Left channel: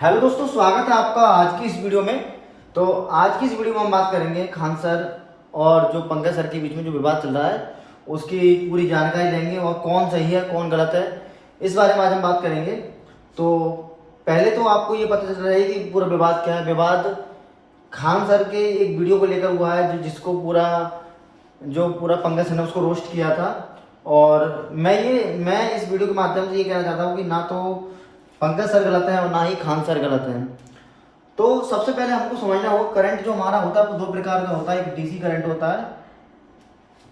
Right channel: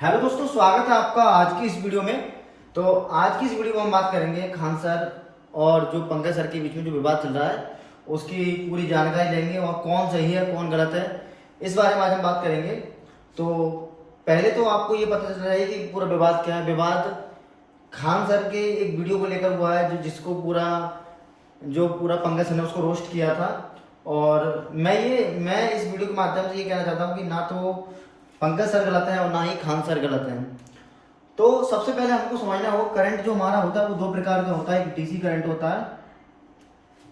Hello दोस्तों, स्वागत है आपका आज की इस वीडियो में। तो आज की इस वीडियो में हम बात करेंगे खान सर और जो पंकज सर के बीच में जो विवाद चल रहा है उसकी पूरी जानकारी देंगे और कौन सही है कौन गलत है इस बारे में आज हम बात करेंगे। तो पहले तो आपको ये पता चल रहा है कि पूरा विवाद क्या है। विवाद खान सर के एक वीडियो को लेकर हुआ है जिसको पूरा पंकज सर ने उसको रोस्ट किया था। और मैं इस वीडियो के माध्यम से ये कहना चाहता हूँ कि ना तो पंकज सर गलत है और ना ही खान सर गलत हैं। तो सबसे पहले हमको समझना होगा करंट जो हमारा होता है वो दो प्रकार का होता है, एक डीसी करंट होता है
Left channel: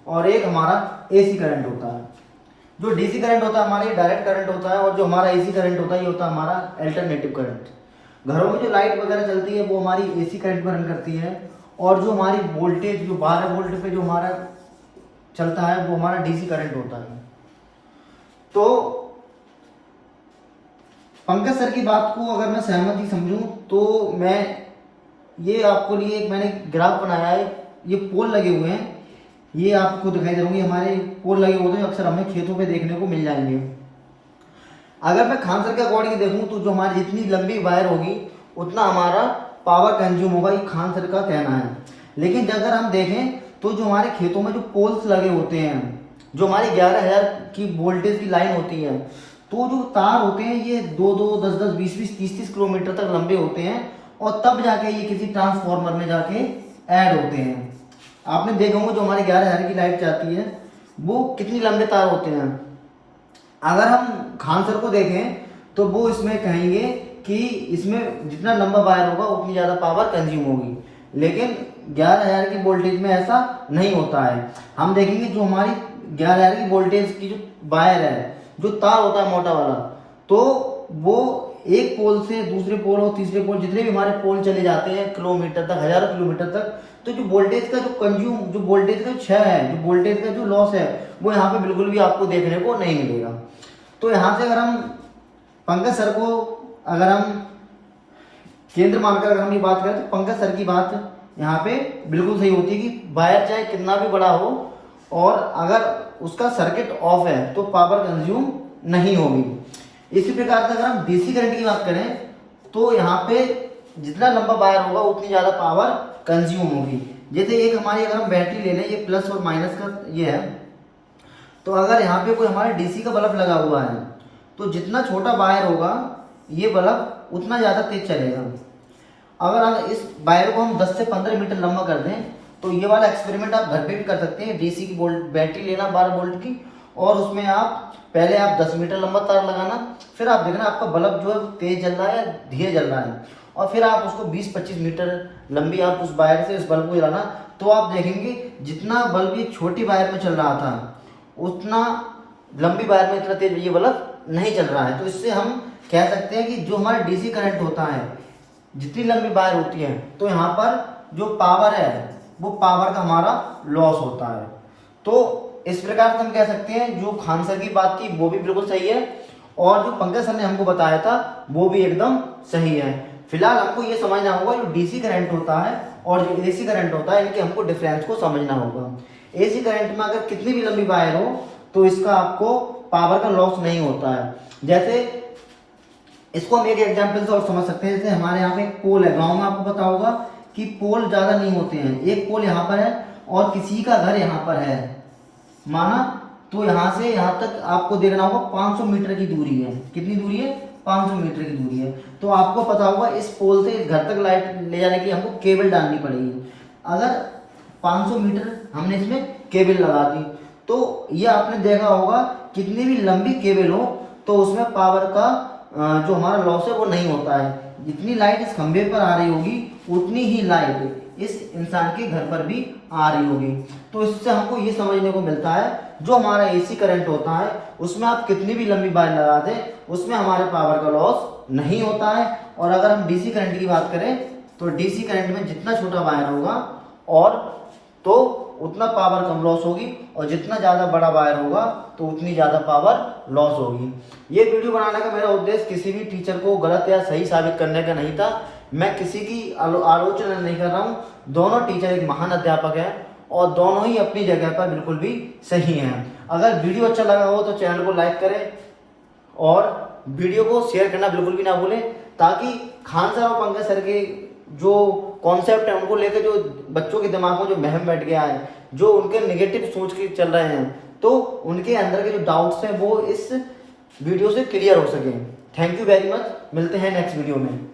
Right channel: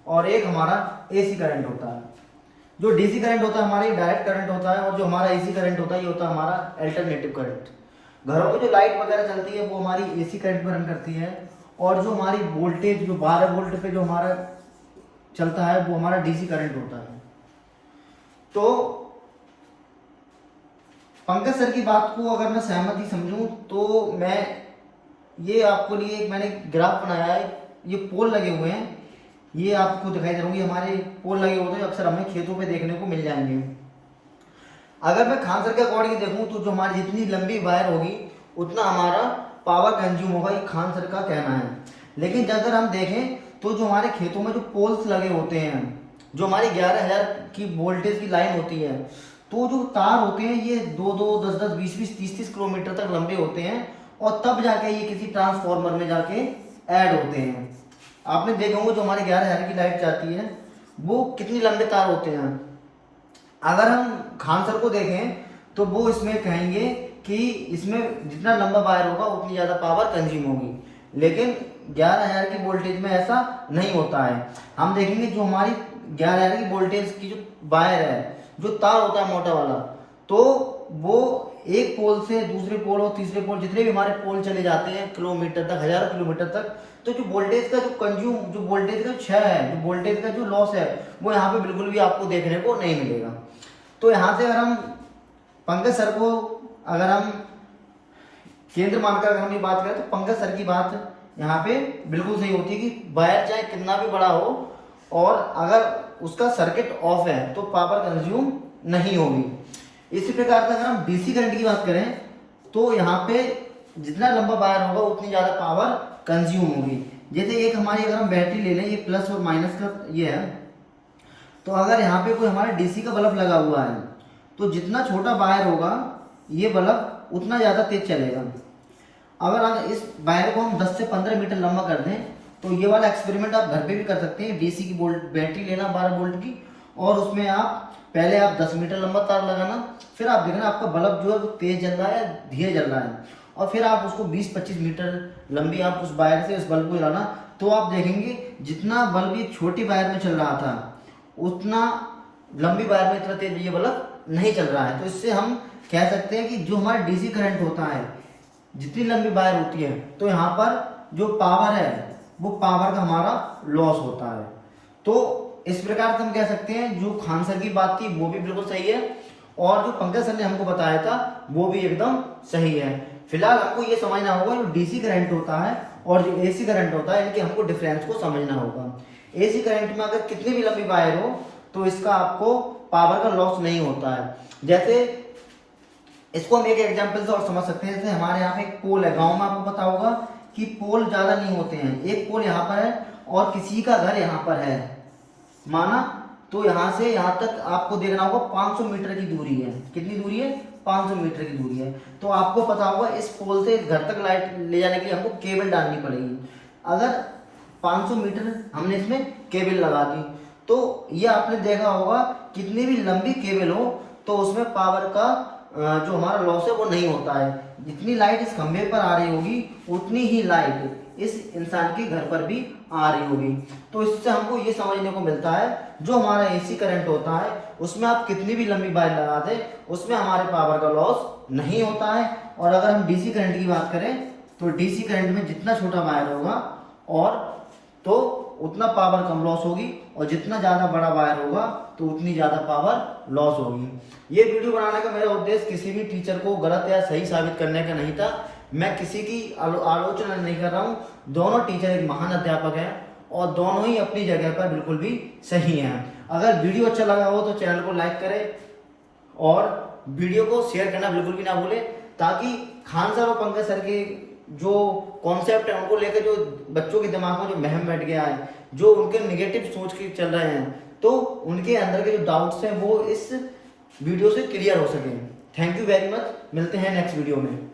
और एक हमारा एसी करंट होता है। जो डीसी करंट होता है हमारा ये डायरेक्ट करंट होता है और जो हमारा एसी करंट होता है ये होता है हमारा अल्टरनेटिव करंट। घरों में जो लाइट वगैरह चलती है वो हमारी एसी करंट पर रन करती है और जो हमारी वोल्टेज जो 12 वोल्ट पे जो हमारा चलता है वो हमारा डीसी करंट होता है। तो पंकज सर की बात को अगर मैं सहमति समझूं तो मैं ये आपको लिए मैंने ग्राफ बनाया है। ये पोल लगे हुए हैं, ये आपको दिखाई दे होंगे। हमारे पोल लगे होते हैं अक्सर हमें खेतों पे देखने को मिल जाएंगे। अगर मैं खान सर के अकॉर्डिंग देखूं तो जो हमारी जितनी लंबी वायर होगी उतना हमारा पावर कंज्यूम होगा, ये खान सर का कहना है। लेकिन अगर हम देखें तो जो हमारे खेतों में जो पोल्स लगे होते हैं, जो हमारी 11,000 की वोल्टेज की लाइन होती है, तो जो तार होते हैं ये 2-2, 10-10, 20-20, 30-30 किलोमीटर तक लंबे होते हैं और तब जाके ये किसी ट्रांसफॉर्मर में जाके ऐड होते हैं। आपने देखा होगा जो हमारी 11,000 की लाइट जाती है वो कितनी लंबे तार होते हैं। अगर हम खान सर को देखें तो वो इसमें कहेंगे कि इसमें जितना लंबा वायर होगा उतनी ज्यादा पावर कंज्यूम होगी, लेकिन 11,000 की वोल्टेज में ऐसा नहीं होता है। हम देखेंगे जो हमारी 11,000 की वोल्टेज की जो वायर है, जो तार होता है मोटा वाला, तो वो एक पोल से दूसरे पोल और तीसरे पोल जितने भी हमारे पोल चले जाते हैं किलोमीटर तक, हजारों किलोमीटर तक, तो जो वोल्टेज का जो कंज्यूम, जो वोल्टेज का क्षय है, जो वोल्टेज का जो लॉस है, वो यहाँ पे बिल्कुल भी आपको देखने को नहीं मिलेगा। तो यहाँ से अगर हम पंकज सर को अगर हम केंद्र मानकर अगर हम ये बात करें तो पंकज सर की बात यहाँ पे बिल्कुल सही होती है कि वायर चाहे कितना भी बड़ा हो और अगर उसका सर्किट ऑफ है तो पावर कंज्यूम नहीं होगी। इसी प्रकार से अगर हम डीसी करंट की बात करें तो यहाँ पे जितना लंबा वायर होगा उतनी ज्यादा पावर कंज्यूम होगी। जैसे एक हमारी अगर हम बैटरी ले लें, ये प्लस और माइनस का ये है, तो अगर यहाँ पे कोई हमारे डीसी का बल्ब लगा हुआ है तो जितना छोटा वायर होगा ये बल्ब उतना ज्यादा तेज चलेगा। अगर इस वायर को हम 10 से 15 मीटर लंबा कर दें तो ये वाला एक्सपेरिमेंट आप घर पे भी कर सकते हैं। डीसी की बैटरी लेना 12 वोल्ट की और उसमें आप पहले आप 10 मीटर लंबा तार लगाना, फिर आप देखना आपका बल्ब जो है तेज जल रहा है या धीरे जल रहा है, और फिर आप उसको 20-25 मीटर लंबी आप उस वायर से उस बल्ब को जलाना, तो आप देखेंगे जितना बल्ब ये छोटी वायर में चल रहा था उतना लंबी वायर में इतना तेज ये बल्ब नहीं चल रहा है। तो इससे हम कह सकते हैं कि जो हमारा डीसी करंट होता है, जितनी लंबी वायर होती है, तो यहाँ पर जो पावर है वो पावर का हमारा लॉस होता है। तो इस प्रकार से हम कह सकते हैं जो खान सर की बात थी वो भी बिल्कुल सही है और जो पंकज सर ने हमको बताया था वो भी एकदम सही है। फिलहाल हमको ये समझना होगा जो डीसी करंट होता है और जो एसी करंट होता है, इनके हमको डिफरेंस को समझना होगा। एसी करंट में अगर कितनी भी लंबी वायर हो तो इसका आपको पावर का लॉस नहीं होता है। जैसे इसको हम एक एग्जाम्पल से और समझ सकते हैं। जैसे हमारे यहाँ पे एक पोल है, गांव में आपको पता होगा कि पोल ज्यादा नहीं होते हैं। एक पोल यहाँ पर है और किसी का घर यहाँ पर है माना, तो यहाँ से यहाँ तक आपको देखना होगा 500 मीटर की दूरी है। कितनी दूरी है? 500 मीटर की दूरी है। तो आपको पता होगा इस पोल से इस घर तक लाइट ले जाने के लिए हमको केबल डालनी पड़ेगी। अगर 500 मीटर हमने इसमें केबल लगा दी तो ये आपने देखा होगा कितनी भी लंबी केबल हो तो उसमें पावर का जो हमारा लॉस है वो नहीं होता है। जितनी लाइट इस खंभे पर आ रही होगी उतनी ही लाइट इस इंसान के घर पर भी आ रही होगी। तो इससे हमको ये समझने को मिलता है जो हमारा एसी करंट होता है उसमें आप कितनी भी लंबी वायर लगा दें उसमें हमारे पावर का लॉस नहीं होता है। और अगर हम डीसी करंट की बात करें तो डीसी करंट में जितना छोटा वायर होगा और तो उतना पावर कम लॉस होगी और जितना ज्यादा बड़ा वायर होगा तो उतनी ज्यादा पावर लॉस होगी। ये वीडियो बनाने का मेरा उद्देश्य किसी भी टीचर को गलत या सही साबित करने का नहीं था। मैं किसी की आलोचना नहीं कर रहा हूँ। दोनों टीचर एक महान अध्यापक हैं और दोनों ही अपनी जगह पर बिल्कुल भी सही हैं। अगर वीडियो अच्छा लगा हो तो चैनल को लाइक करें और वीडियो को शेयर करना बिल्कुल भी ना भूलें ताकि खान सर और पंकज सर के जो कॉन्सेप्ट है उनको लेकर जो बच्चों के दिमाग में जो वहम बैठ गया है, जो उनके नेगेटिव सोच के चल रहे हैं, तो उनके अंदर के जो डाउट्स हैं वो इस वीडियो से क्लियर हो सके। थैंक यू वेरी मच, मिलते हैं नेक्स्ट वीडियो में।